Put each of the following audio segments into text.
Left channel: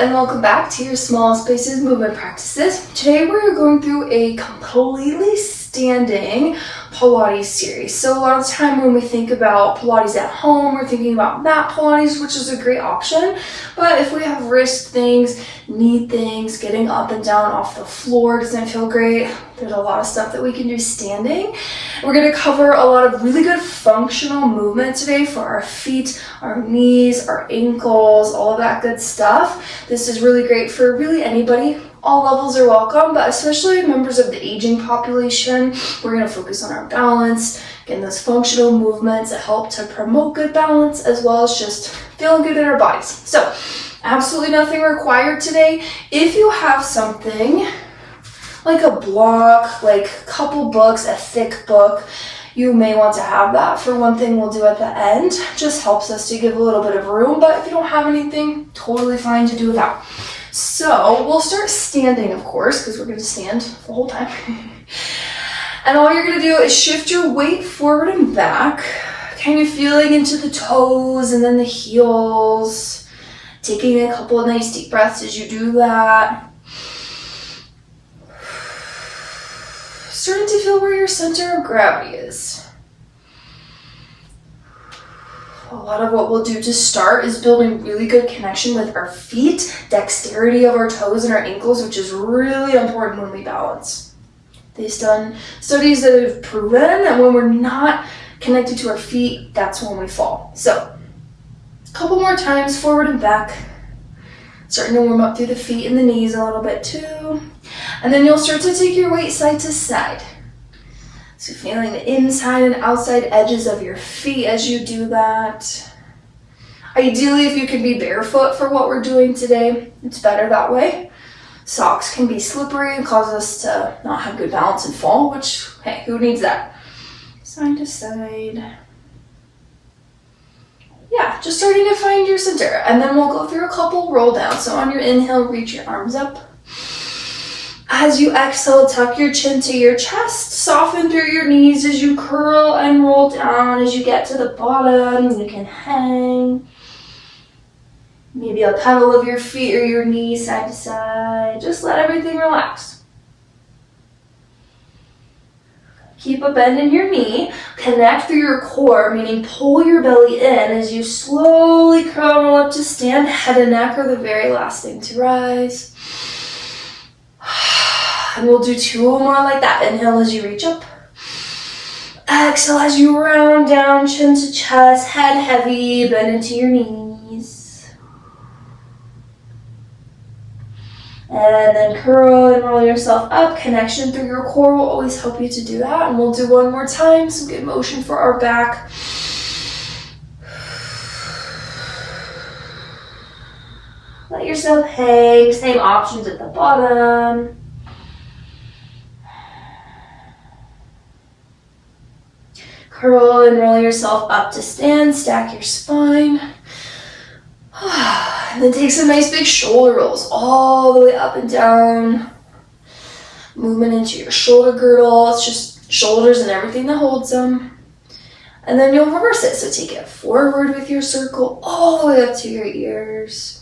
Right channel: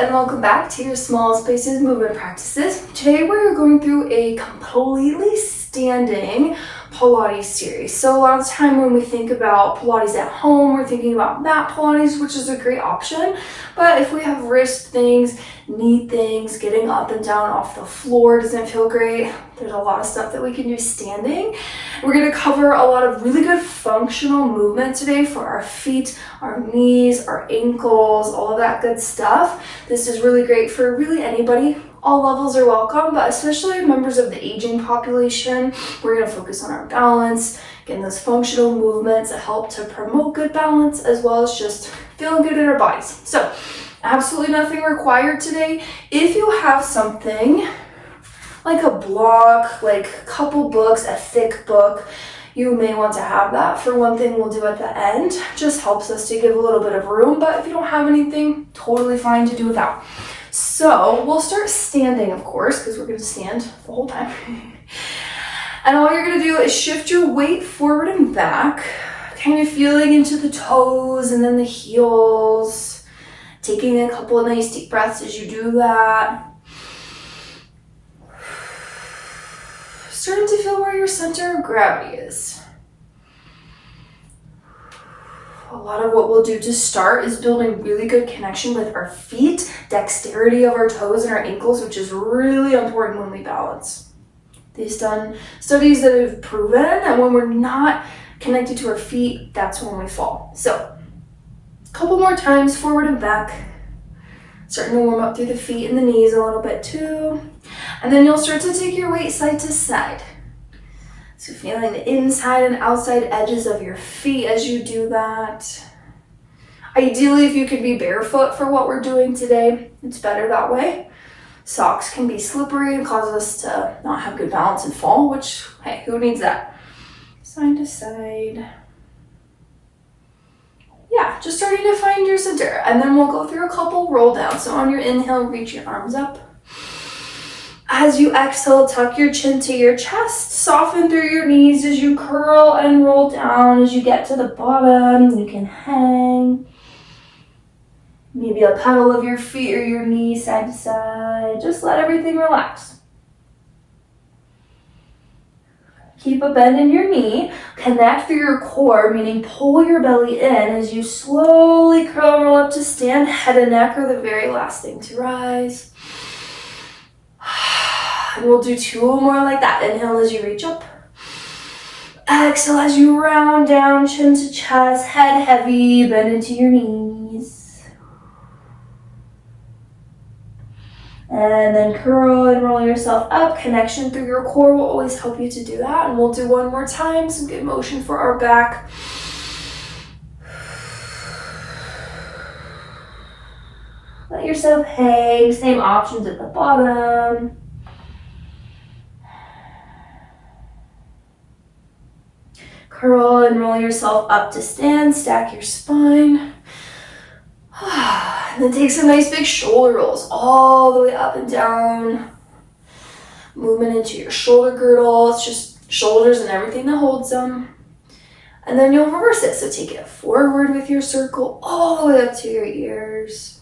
and welcome back to your Small Spaces movement practices. Today we're going through a completely standing Pilates series. So a lot of the time when we think about Pilates at home, we're thinking about mat Pilates, which is a great option. But if we have wrist things, knee things, getting up and down off the floor doesn't feel great, there's a lot of stuff that we can do standing. We're going to cover a lot of really good functional movement today for our feet, our knees, our ankles, all of that good stuff. This is really great for really anybody. All levels are welcome, but especially members of the aging population. We're going to focus on our balance, getting those functional movements that help to promote good balance, as well as just feeling good in our bodies. So, absolutely nothing required today. If you have something like a block, like a couple books, a thick book, you may want to have that. For one thing we'll do at the end, just helps us to give a little bit of room, but if you don't have anything, totally fine to do without. So we'll start standing, of course, because we're going to stand the whole time. And all you're going to do is shift your weight forward and back, kind of feeling into the toes and then the heels, taking a couple of nice deep breaths as you do that. Starting to feel where your center of gravity is. A lot of what we'll do to start is building really good connection with our feet, dexterity of our toes and our ankles, which is really important when we balance. They've done studies that have proven that when we're not connected to our feet, that's when we fall. So, a couple more times, forward and back. Starting to warm up through the feet and the knees a little bit too. And then you'll start to take your weight side to side. So feeling the inside and outside edges of your feet as you do that. Ideally, if you could be barefoot for what we're doing today, it's better that way. Socks can be slippery and cause us to not have good balance and fall, which, hey, who needs that? Side to side. Yeah, just starting to find your center. And then we'll go through a couple roll downs. So on your inhale, reach your arms up. As you exhale, tuck your chin to your chest, soften through your knees as you curl and roll down. As you get to the bottom, you can hang. Maybe a pedal of your feet or your knees side to side. Just let everything relax. Keep a bend in your knee. Connect through your core, meaning pull your belly in as you slowly curl up to stand. Head and neck are the very last thing to rise. And we'll do two more like that. Inhale as you reach up. Exhale as you round down, chin to chest, head heavy, bend into your knees. And then curl and roll yourself up. Connection through your core will always help you to do that. And we'll do one more time, some good motion for our back. Let yourself hang, same options at the bottom. Curl and roll yourself up to stand, stack your spine. And then take some nice big shoulder rolls all the way up and down. Movement into your shoulder girdle. It's just shoulders and everything that holds them. And then you'll reverse it. So take it forward with your circle all the way up to your ears.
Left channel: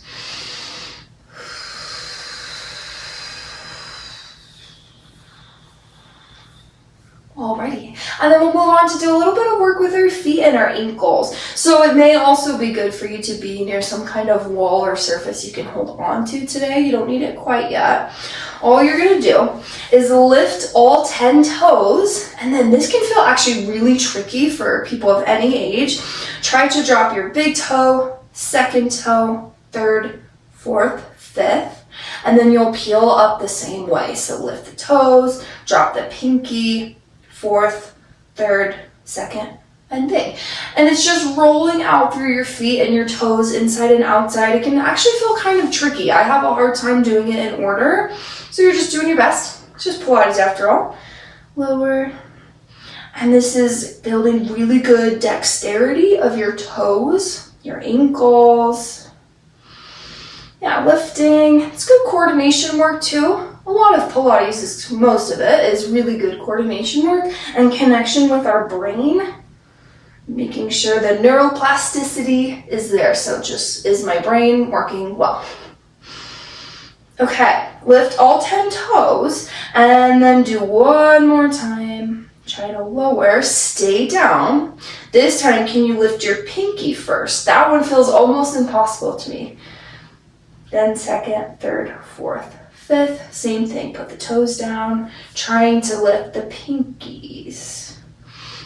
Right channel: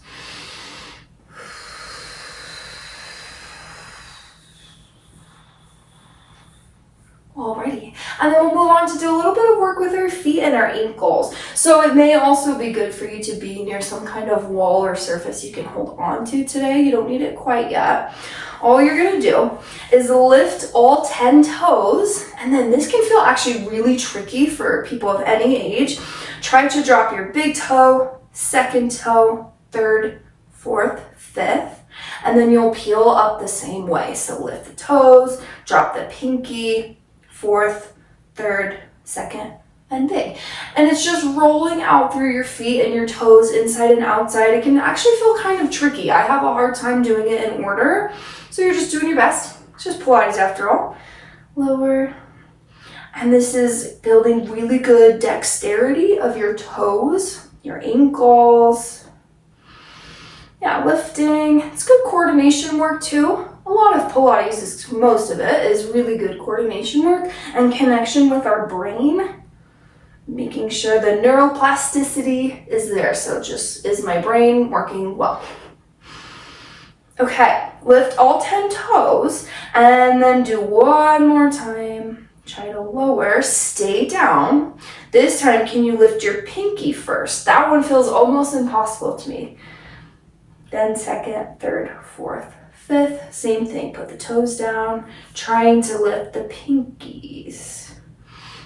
Alrighty, and then we'll move on to do a little bit of work with our feet and our ankles. So it may also be good for you to be near some kind of wall or surface you can hold on to today. You don't need it quite yet. All you're gonna do is lift all 10 toes, and then this can feel actually really tricky for people of any age. Try to drop your big toe, second toe, third, fourth, fifth, and then you'll peel up the same way. So lift the toes, drop the pinky, fourth, third, second, and big. And it's just rolling out through your feet and your toes inside and outside. It can actually feel kind of tricky. I have a hard time doing it in order. So you're just doing your best. It's just Pilates after all. Lower. And this is building really good dexterity of your toes, your ankles. Yeah, lifting. It's good coordination work too. A lot of Pilates, most of it, is really good coordination work and connection with our brain. Making sure the neuroplasticity is there. So just, is my brain working well? Okay, lift all 10 toes and then do one more time. Try to lower, stay down. This time, can you lift your pinky first? That one feels almost impossible to me. Then second, third, fourth, fifth, same thing. Put the toes down, trying to lift the pinkies.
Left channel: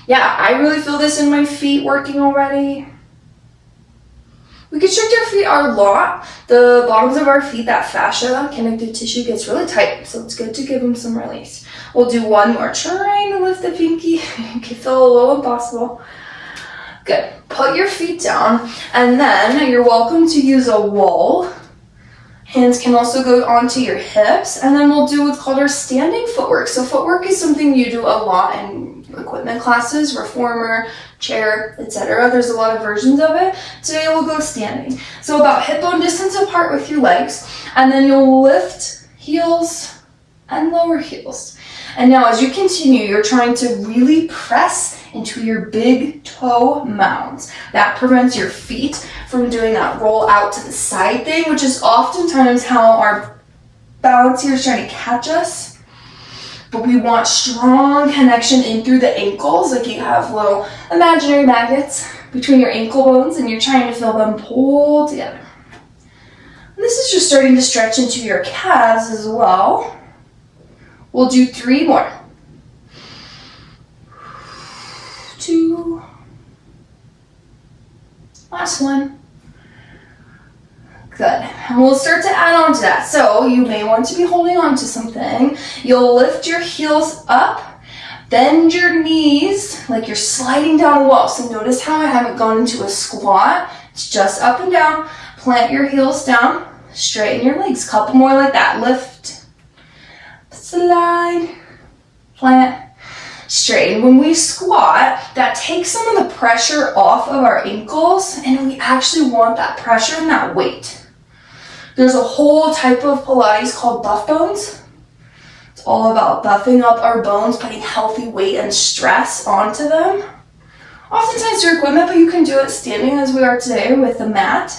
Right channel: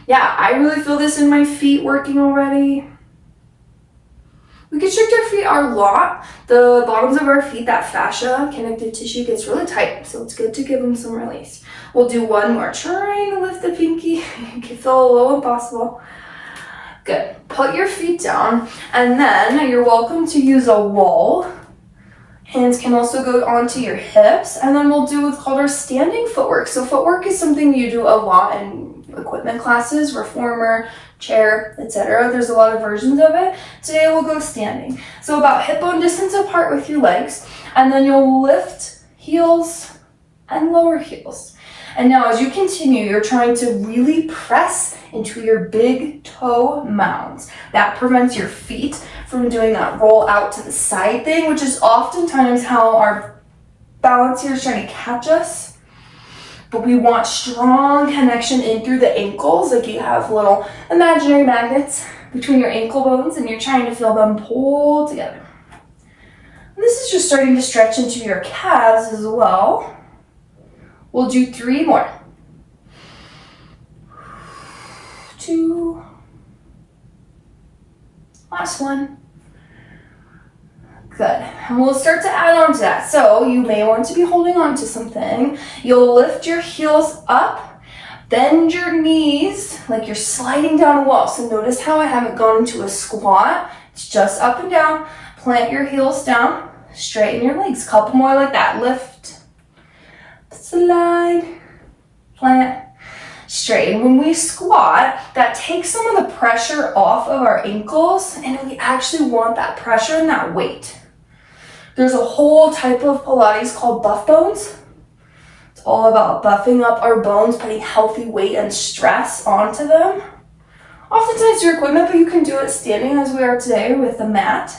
Yeah, I really feel this in my feet working already. We constrict our feet a lot. The bottoms of our feet, that fascia, connective tissue gets really tight, so it's good to give them some release. We'll do one more. Trying to lift the pinky. You can feel a little impossible. Good. Put your feet down, and then you're welcome to use a wall. Hands can also go onto your hips, and then we'll do what's called our standing footwork. So footwork is something you do a lot in equipment classes, reformer, chair, etc. There's a lot of versions of it. Today we'll go standing. So about hip bone distance apart with your legs, and then you'll lift heels and lower heels. And now as you continue, you're trying to really press into your big toe mounds. That prevents your feet from doing that roll out to the side thing, which is oftentimes how our balance here is trying to catch us. But we want strong connection in through the ankles, like you have little imaginary magnets between your ankle bones and you're trying to feel them pull together. And this is just starting to stretch into your calves as well. We'll do 3 more. 2. Last one. Good. And we'll start to add on to that. So you may want to be holding on to something. You'll lift your heels up, bend your knees like you're sliding down a wall. So notice how I haven't gone into a squat. It's just up and down. Plant your heels down, straighten your legs. Couple more like that. Lift, slide, plant, straighten. When we squat, that takes some of the pressure off of our ankles, and we actually want that pressure and that weight. There's a whole type of Pilates called buff bones. It's all about buffing up our bones, putting healthy weight and stress onto them. Oftentimes through equipment, but you can do it standing as we are today with the mat.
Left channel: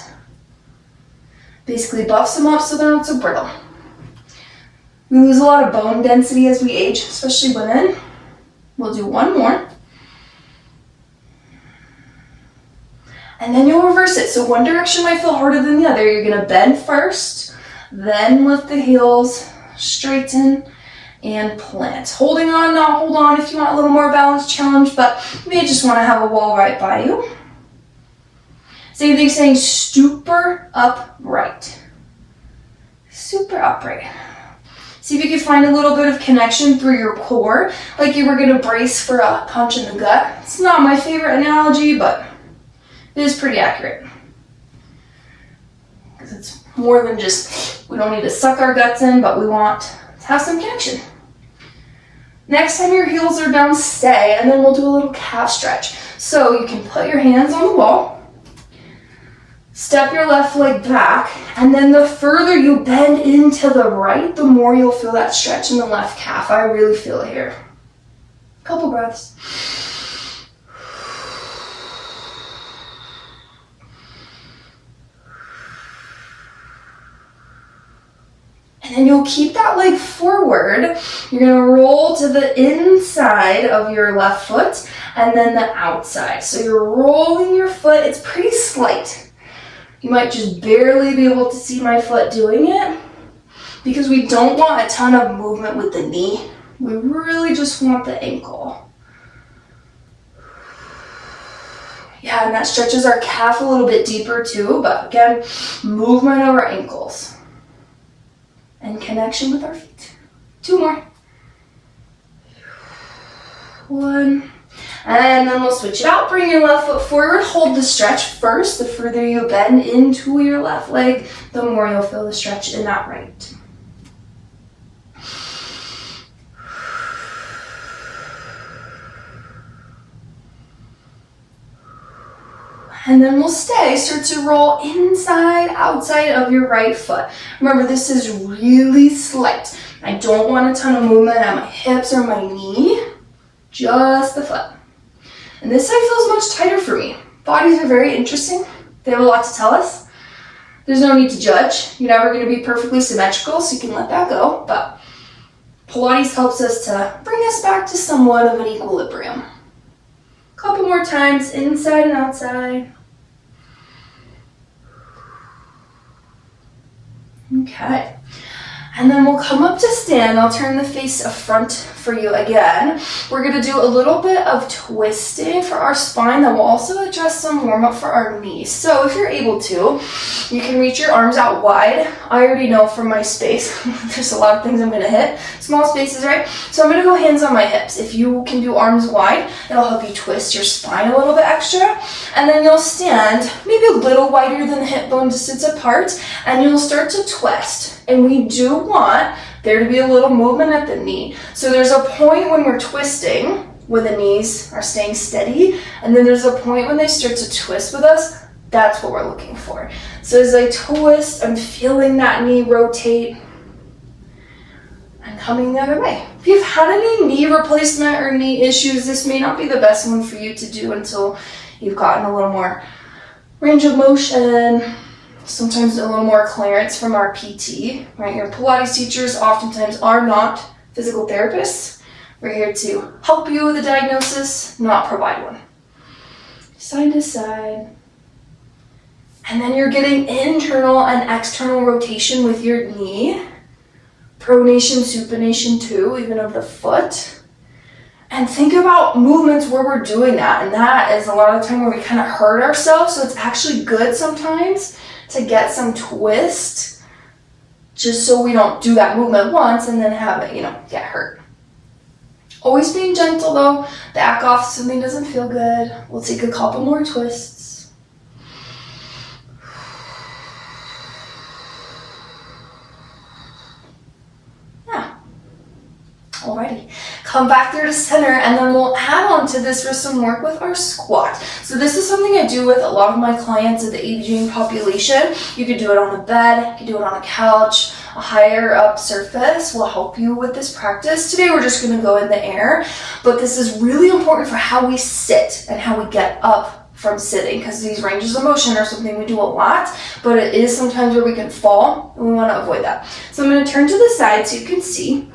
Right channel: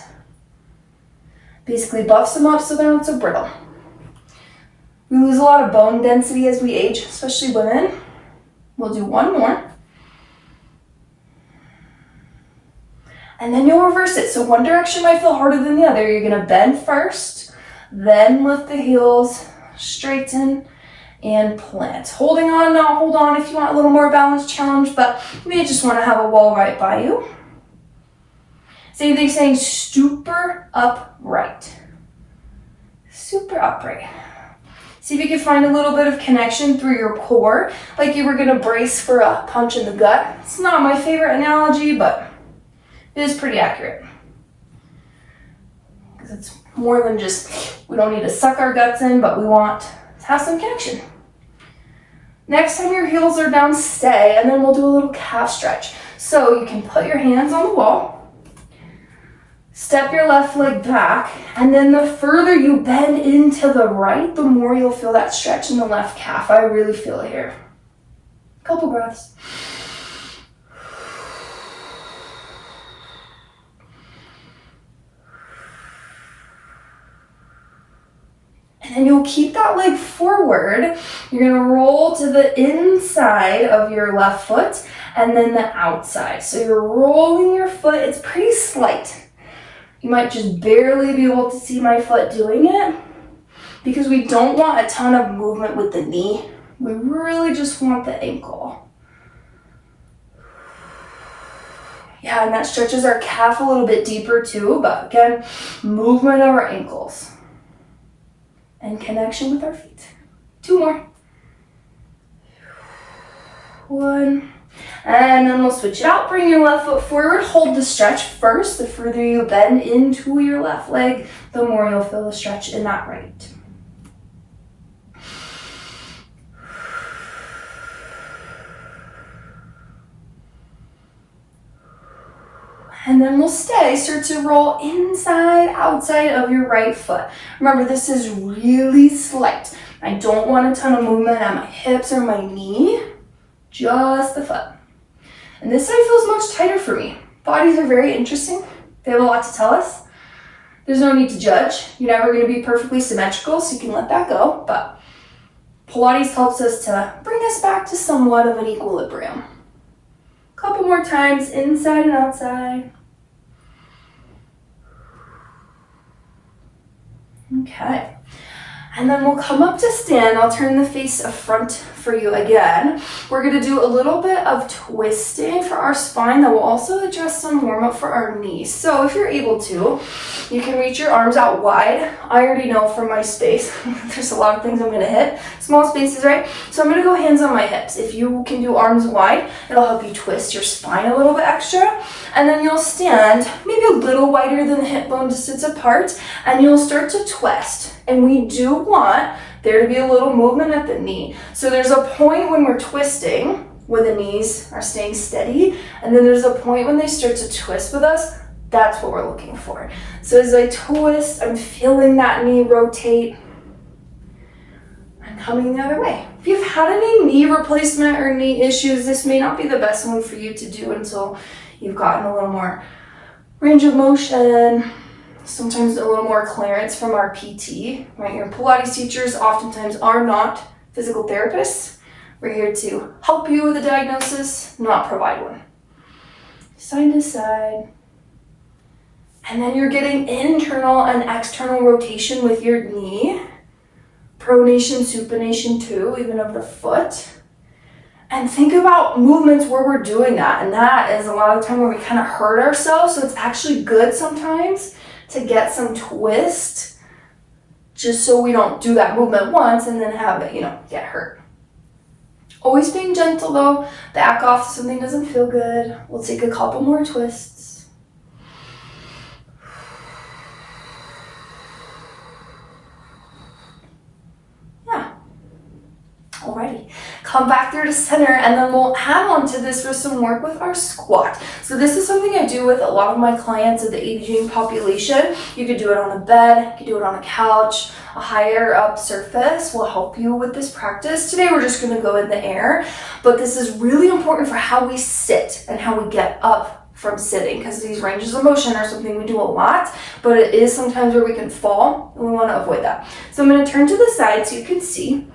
Basically buffs them up so they're not so brittle. We lose a lot of bone density as we age, especially women. We'll do one more. And then you'll reverse it. So one direction might feel harder than the other. You're gonna bend first, then lift the heels, straighten, and plant. Holding on, not hold on if you want a little more balance challenge, but you may just wanna have a wall right by you. Same thing, saying super upright. Super upright. See if you can find a little bit of connection through your core, like you were gonna brace for a punch in the gut. It's not my favorite analogy, but it is pretty accurate. Because it's more than just, we don't need to suck our guts in, but we want to have some connection. Next time your heels are down, stay, and then we'll do a little calf stretch. So you can put your hands on the wall, step your left leg back, and then the further you bend into the right, the more you'll feel that stretch in the left calf. I really feel it here. Couple breaths. And then you'll keep that leg forward. You're gonna roll to the inside of your left foot and then the outside. So you're rolling your foot, it's pretty slight. You might just barely be able to see my foot doing it because we don't want a ton of movement with the knee. We really just want the ankle. Yeah, and that stretches our calf a little bit deeper too, but again, movement of our ankles and connection with our feet. 2 more. 1. And then we'll switch it out. Bring your left foot forward. Hold the stretch first. The further you bend into your left leg, the more you'll feel the stretch in that right. And then we'll stay. Start to roll inside, outside of your right foot. Remember, this is really slight. I don't want a ton of movement at my hips or my knee. Just the foot. And this side feels much tighter for me. Bodies are very interesting. They have a lot to tell us. There's no need to judge. You're never going to be perfectly symmetrical, so you can let that go. But Pilates helps us to bring us back to somewhat of an equilibrium. A couple more times, inside and outside. Okay. And then we'll come up to stand. I'll turn the face up front for you again. We're going to do a little bit of twisting for our spine that will also address some warm up for our knees. So if you're able to, you can reach your arms out wide. I already know from my space, there's a lot of things I'm going to hit. Small spaces, right? So I'm going to go hands on my hips. If you can do arms wide, it'll help you twist your spine a little bit extra. And then you'll stand maybe a little wider than the hip bone distance apart, and you'll start to twist. And we do want there to be a little movement at the knee. So there's a point when we're twisting where the knees are staying steady, and then there's a point when they start to twist with us. That's what we're looking for. So as I twist, I'm feeling that knee rotate and coming the other way. If you've had any knee replacement or knee issues, this may not be the best one for you to do until you've gotten a little more range of motion, sometimes a little more clearance from our PT, right? Your Pilates teachers oftentimes are not physical therapists. We're here to help you with a diagnosis, not provide one. Side to side. And then you're getting internal and external rotation with your knee. Pronation, supination too, even of the foot. And think about movements where we're doing that. And that is a lot of the time where we kind of hurt ourselves. So it's actually good sometimes to get some twist, just so we don't do that movement once and then have it, get hurt. Always being gentle though. Back off if something doesn't feel good. We'll take a couple more twists. Yeah. Alrighty. Come back there to center, and then we'll add on to this for some work with our squat. So this is something I do with a lot of my clients of the aging population. You could do it on the bed, you could do it on a couch. A higher up surface will help you with this practice. Today we're just going to go in the air, but this is really important for how we sit and how we get up from sitting, because these ranges of motion are something we do a lot, but it is sometimes where we can fall, and we want to avoid that. So I'm going to turn to the side so you can see.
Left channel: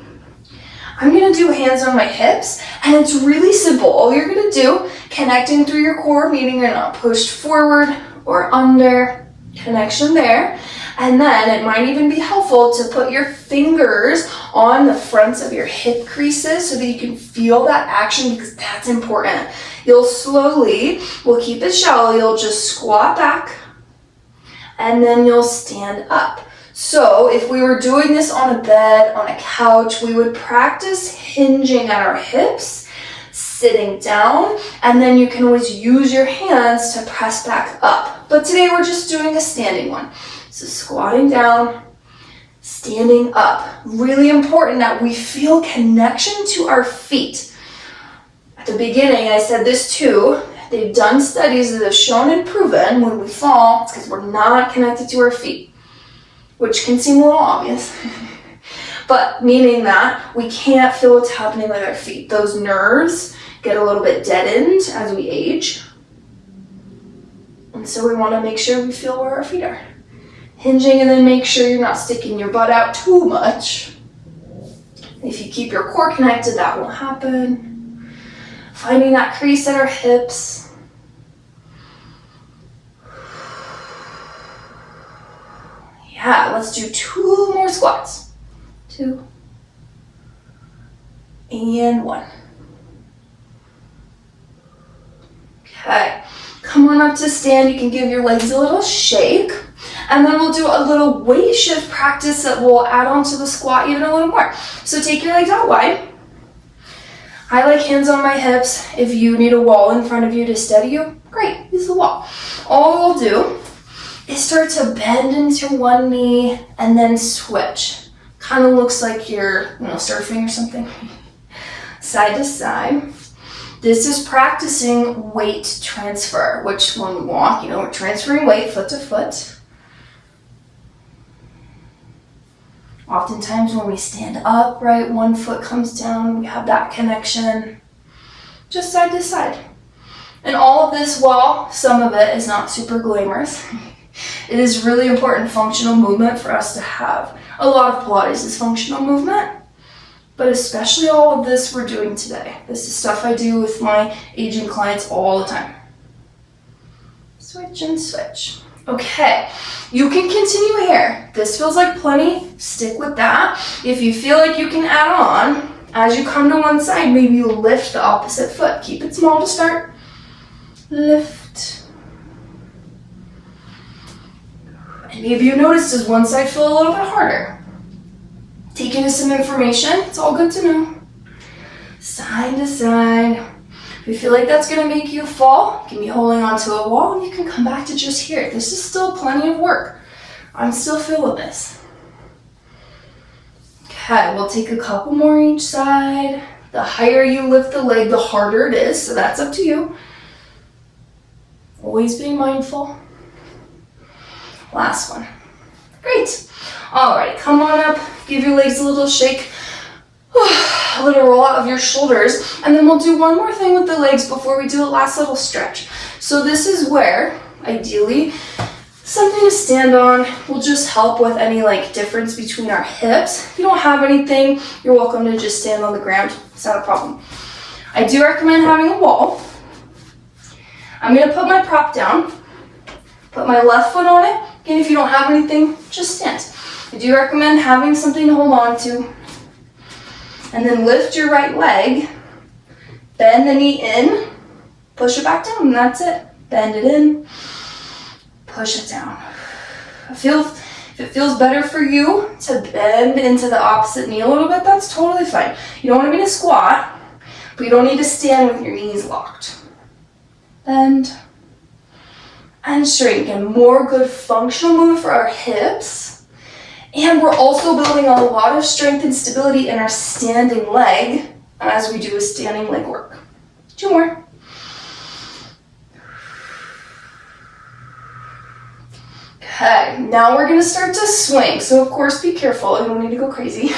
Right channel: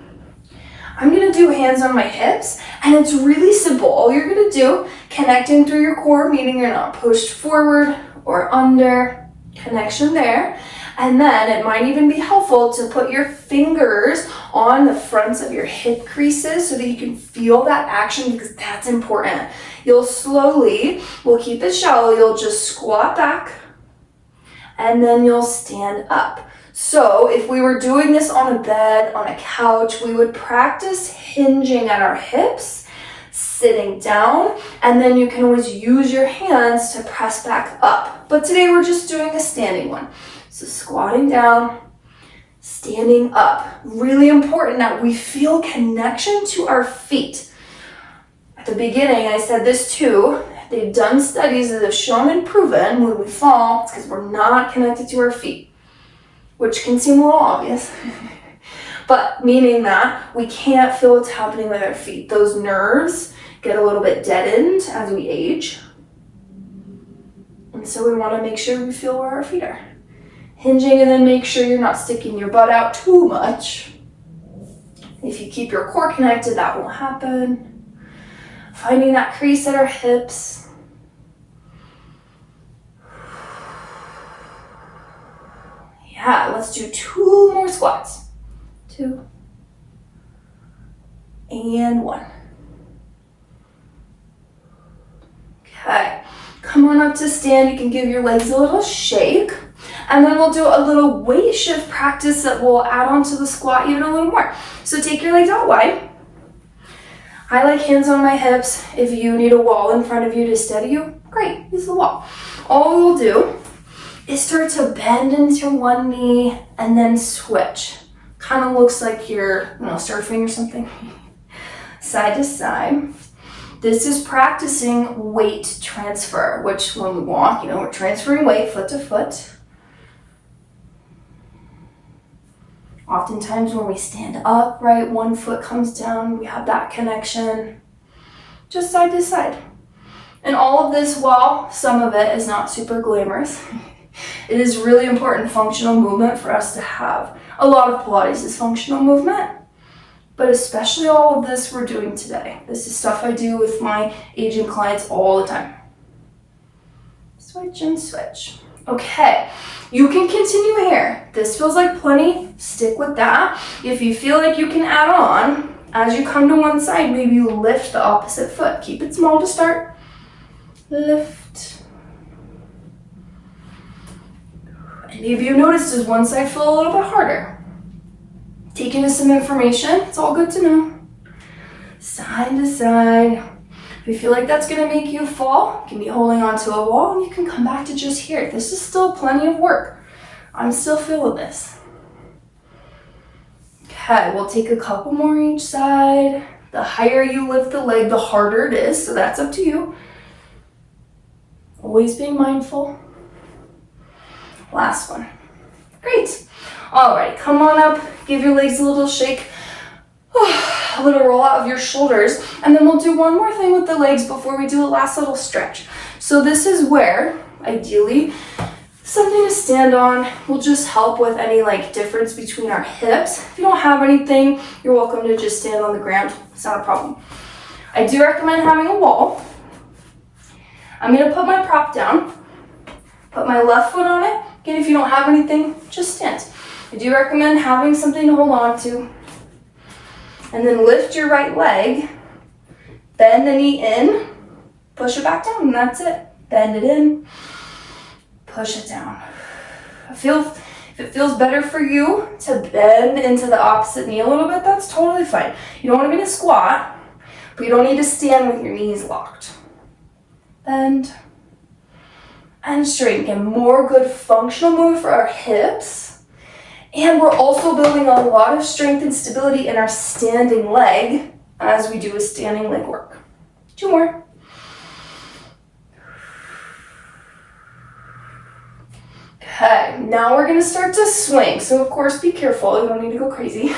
I'm going to do hands on my hips, and it's really simple. All you're going to do, connecting through your core, meaning you're not pushed forward or under, connection there. And then it might even be helpful to put your fingers on the fronts of your hip creases so that you can feel that action, because that's important. You'll slowly, we'll keep it shallow, you'll just squat back, and then you'll stand up. So if we were doing this on a bed, on a couch, we would practice hinging at our hips, sitting down, and then you can always use your hands to press back up. But today we're just doing a standing one. So squatting down, standing up. Really important that we feel connection to our feet. At the beginning, I said this too. They've done studies that have shown and proven when we fall, it's because we're not connected to our feet, which can seem a little obvious, but meaning that we can't feel what's happening with our feet. Those nerves get a little bit deadened as we age. And so we want to make sure we feel where our feet are. Hinging, and then make sure you're not sticking your butt out too much. If you keep your core connected, that won't happen. Finding that crease at our hips. Yeah, let's do 2 more squats. 2 and 1. Okay, come on up to stand. You can give your legs a little shake. And then we'll do a little weight shift practice that will add on to the squat even a little more. So take your legs out wide. I like hands on my hips. If you need a wall in front of you to steady you, great, use the wall. All we'll do is start to bend into one knee and then switch. Kind of looks like you're surfing or something. Side to side. This is practicing weight transfer, which when we walk, we're transferring weight foot to foot. Oftentimes when we stand up, right, one foot comes down, we have that connection, just side to side. And all of this, while some of it is not super glamorous, It is really important functional movement for us to have. A lot of Pilates is functional movement, but especially all of this we're doing today. This is stuff I do with my aging clients all the time. Switch and switch. Okay, you can continue here. This feels like plenty, stick with that. If you feel like you can add on, as you come to one side, maybe you lift the opposite foot. Keep it small to start. Lift. And maybe you notice, does one side feel a little bit harder? Take in some information, it's all good to know. Side to side. If you feel like that's gonna make you fall, you can be holding onto a wall and you can come back to just here. This is still plenty of work. I'm still feeling this. Okay, we'll take a couple more each side. The higher you lift the leg, the harder it is, so that's up to you. Always being mindful. Last one. Great. All right, come on up, give your legs a little shake, a little roll out of your shoulders, and then we'll do one more thing with the legs before we do a last little stretch. So this is where, ideally, something to stand on will just help with any difference between our hips. If you don't have anything, you're welcome to just stand on the ground. It's not a problem. I do recommend having a wall. I'm gonna put my prop down, put my left foot on it. Again, if you don't have anything, just stand. I do recommend having something to hold on to. And then lift your right leg, bend the knee in, push it back down, and that's it. Bend it in, push it down. If it feels better for you to bend into the opposite knee a little bit, that's totally fine. You don't want to be in a squat, but you don't need to stand with your knees locked. Bend and straighten. Again, more good functional movement for our hips. And we're also building a lot of strength and stability in our standing leg as we do a standing leg work. 2 more. Okay, now we're gonna start to swing. So of course, be careful, you don't need to go crazy.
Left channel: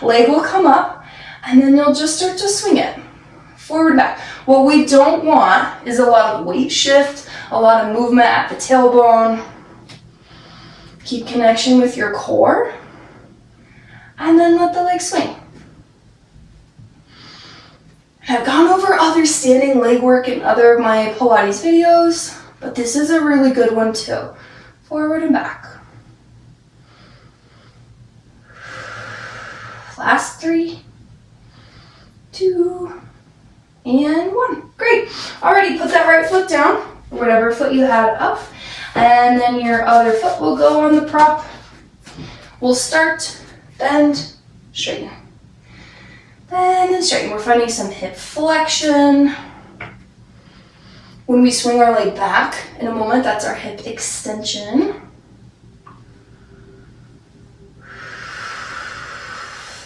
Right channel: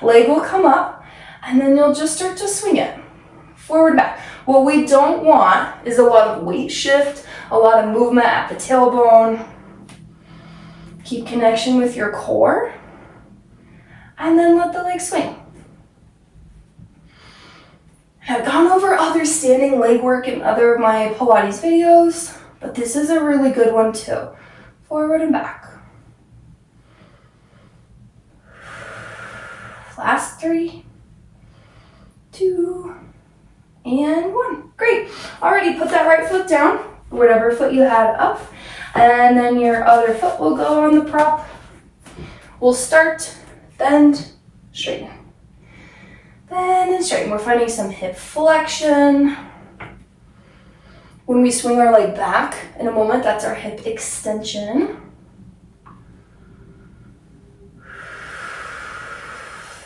Leg will come up, and then you'll just start to swing it. Forward and back. What we don't want is a lot of weight shift, a lot of movement at the tailbone. Keep connection with your core, and then let the leg swing. I've gone over other standing leg work in other of my Pilates videos, but this is a really good one too. Forward and back. Last 3, 2, and 1. Great. Alrighty, put that right foot down, whatever foot you had up. And then your other foot will go on the prop. We'll start, bend, straighten. Bend and straighten. We're finding some hip flexion. When we swing our leg back in a moment, that's our hip extension.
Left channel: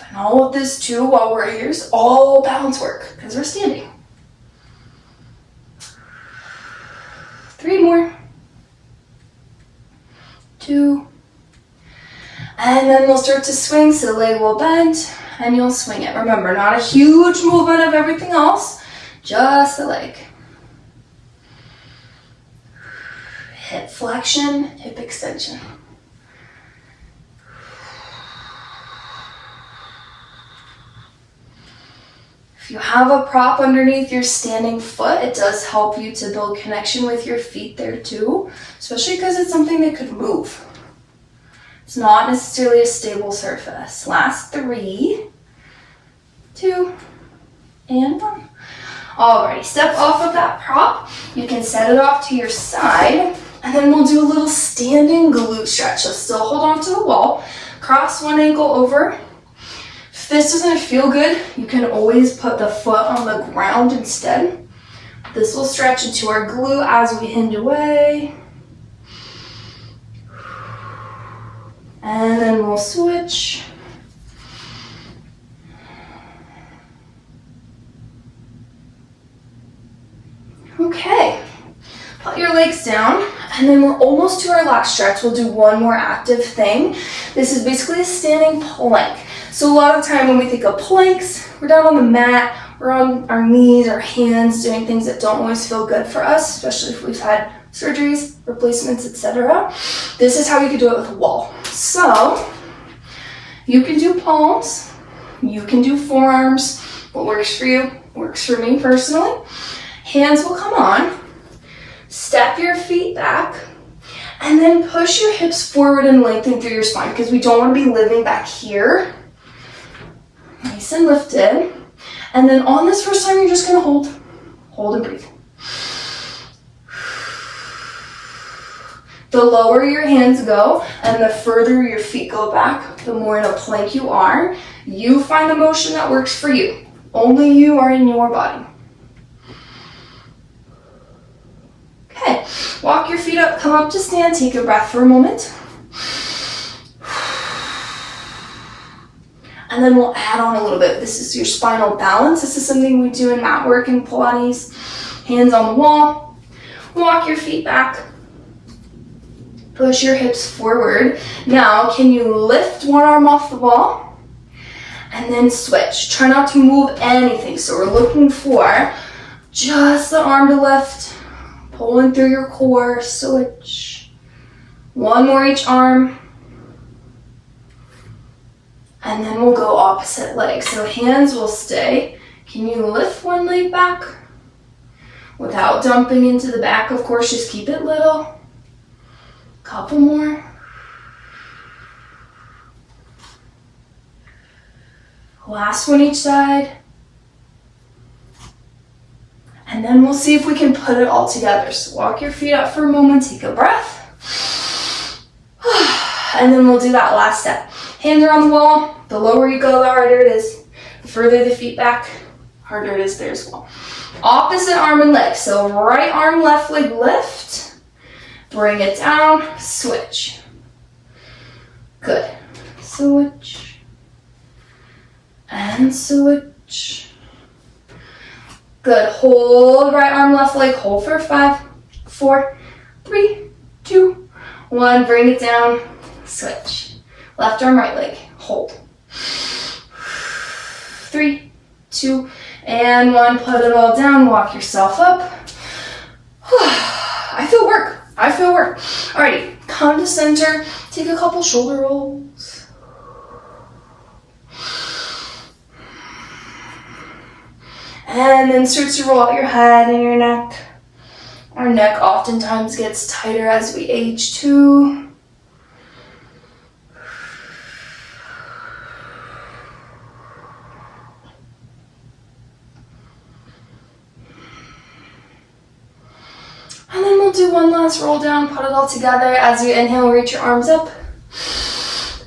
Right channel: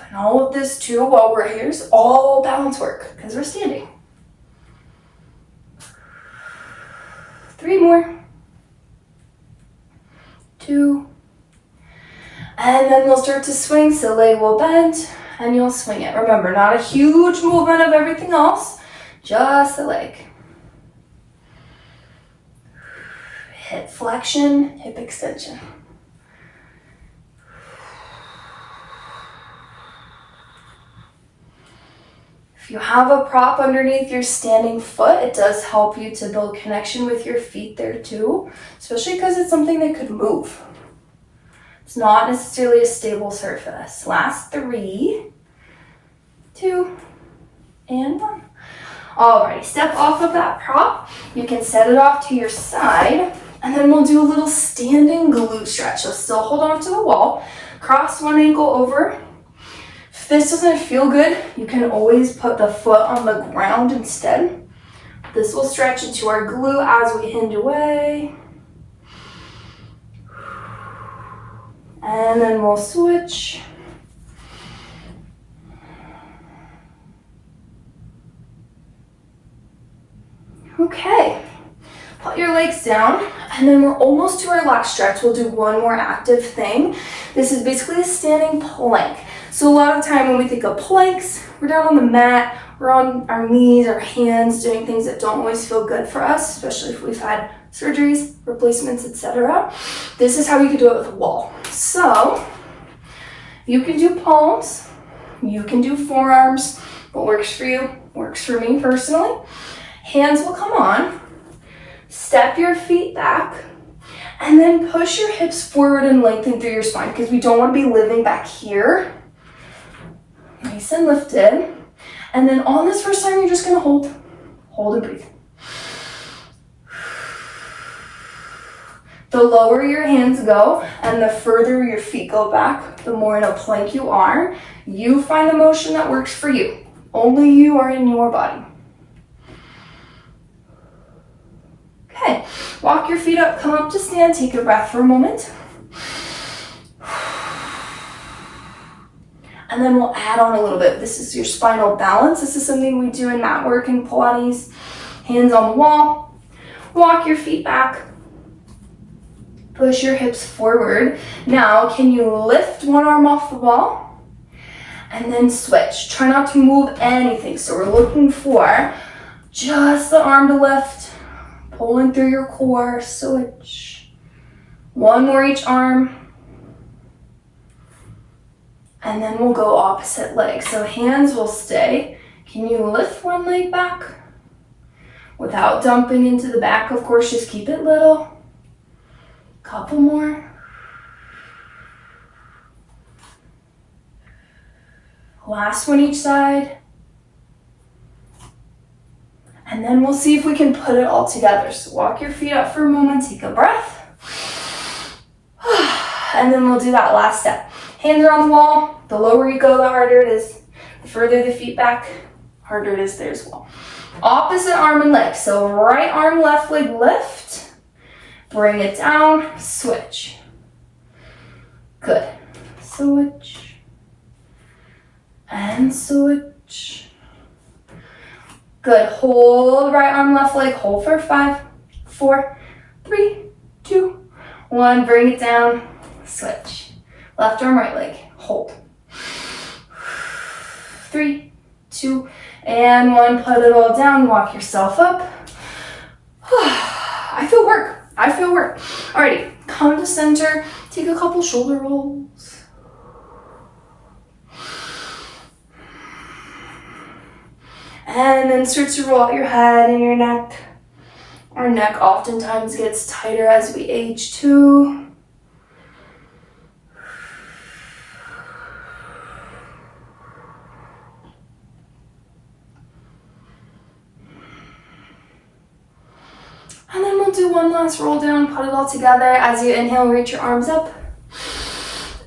And all of this too, while we're here, is all balance work because we're standing. 3 more. 2, and then we'll start to swing, so leg will bend, and you'll swing it. Remember, not a huge movement of everything else, just the leg. Hip flexion, hip extension. If you have a prop underneath your standing foot, it does help you to build connection with your feet there too, especially because it's something that could move. It's not necessarily a stable surface. Last 3, 2, and 1. Alrighty, step off of that prop. You can set it off to your side, and then we'll do a little standing glute stretch. So still hold on to the wall, cross one ankle over. If this doesn't feel good, you can always put the foot on the ground instead. This will stretch into our glute as we hinge away. And then we'll switch. Okay, put your legs down, and then we're almost to our last stretch. We'll do one more active thing. This is basically a standing plank. So a lot of the time when we think of planks, we're down on the mat, we're on our knees, our hands, doing things that don't always feel good for us, especially if we've had surgeries, replacements, etc. This is how you can do it with a wall. So you can do palms, you can do forearms. What works for you works for me personally. Hands will come on, step your feet back, and then push your hips forward and lengthen through your spine because we don't want to be living back here. Nice and lifted. And then on this first time, you're just going to hold and breathe. The lower your hands go and the further your feet go back, the more in a plank you are. You find the motion that works for you. Only you are in your body. Okay, walk your feet up, come up to stand, take a breath for a moment. And then we'll add on a little bit. This is your spinal balance. This is something we do in mat work and Pilates. Hands on the wall. Walk your feet back. Push your hips forward. Now, can you lift one arm off the wall? And then switch. Try not to move anything. So we're looking for just the arm to lift. Pulling through your core. Switch. One more each arm. And then we'll go opposite leg. So hands will stay. Can you lift one leg back? Without dumping into the back, of course, just keep it little. Couple more. Last one each side. And then we'll see if we can put it all together. So walk your feet up for a moment, take a breath. And then we'll do that last step. Hands are on the wall. The lower you go, the harder it is. The further the feet back, harder it is there as well. Opposite arm and leg. So right arm, left leg lift. Bring it down, switch. Good. Switch. And switch. Good. Hold right arm, left leg. Hold for 5, 4, 3, 2, 1. Bring it down, switch. Left arm, right leg. Hold. 3, 2, and 1. Put it all down. Walk yourself up. I feel work. Alrighty, come to center. Take a couple shoulder rolls. And then start to roll out your head and your neck. Our neck oftentimes gets tighter as we age too. And then we'll do one last roll down, put it all together. As you inhale, reach your arms up.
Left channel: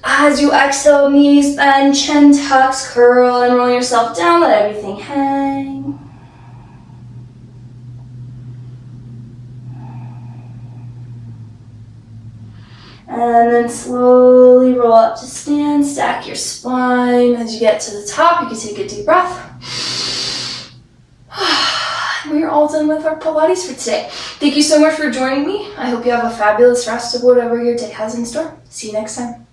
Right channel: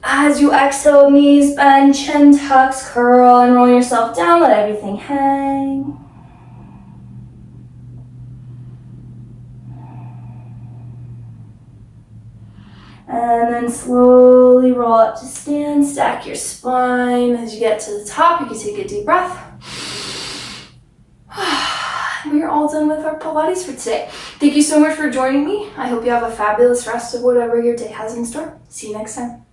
As you exhale, knees bend, chin tucks, curl, and roll yourself down. Let everything hang. And then slowly roll up to stand, stack your spine. As you get to the top, you can take a deep breath. We're all done with our Pilates for today. Thank you so much for joining me. I hope you have a fabulous rest of whatever your day has in store. See you next time.